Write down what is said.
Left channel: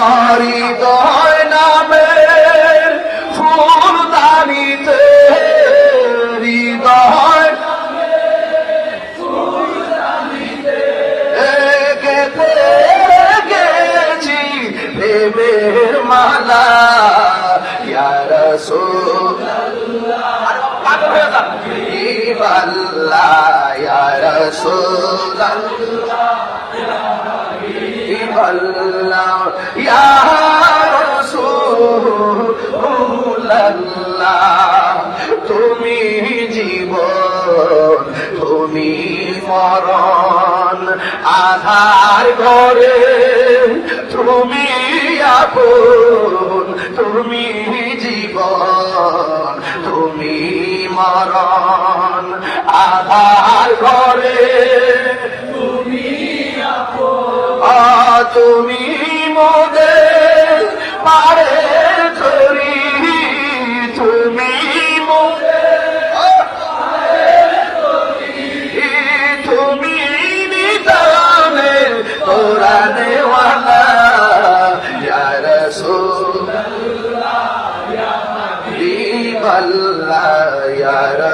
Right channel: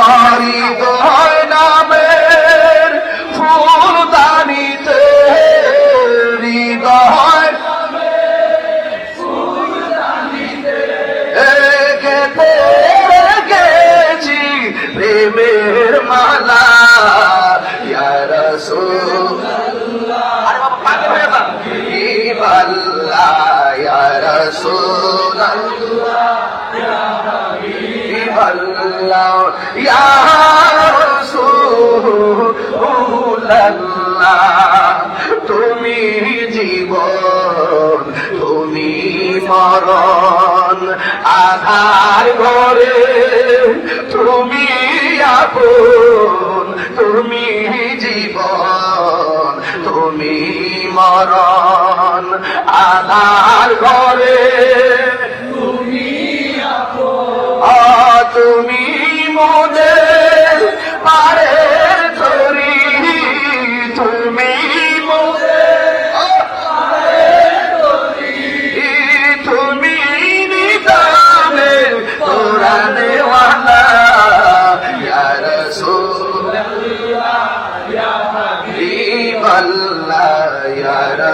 হৃদয় নামের ফুলদানিতে হৃদয় গেতে গেছি প্রেমের মালা ইয়া রাসূলুল্লাহ। আরে বাবা পাগল হয়ে যান। হাবিবাল্লাহ ইয়া রাসূলুল্লাহ হাবিবাল্লাহ ইয়া রাসূলুল্লাহ। তুমি জীবন তুমি মরণ আধার ঘরে তুমি আপন তুমি জীবন তুমি মরণ আধার ঘরে তুমি আপন তুমি মোদের পারের তরি তুমি তুমি নিদানের তোরা দেওয়ালা ইয়া রাসূলুল্লাহ ইয়া হাবিবাল্লাহ ইয়া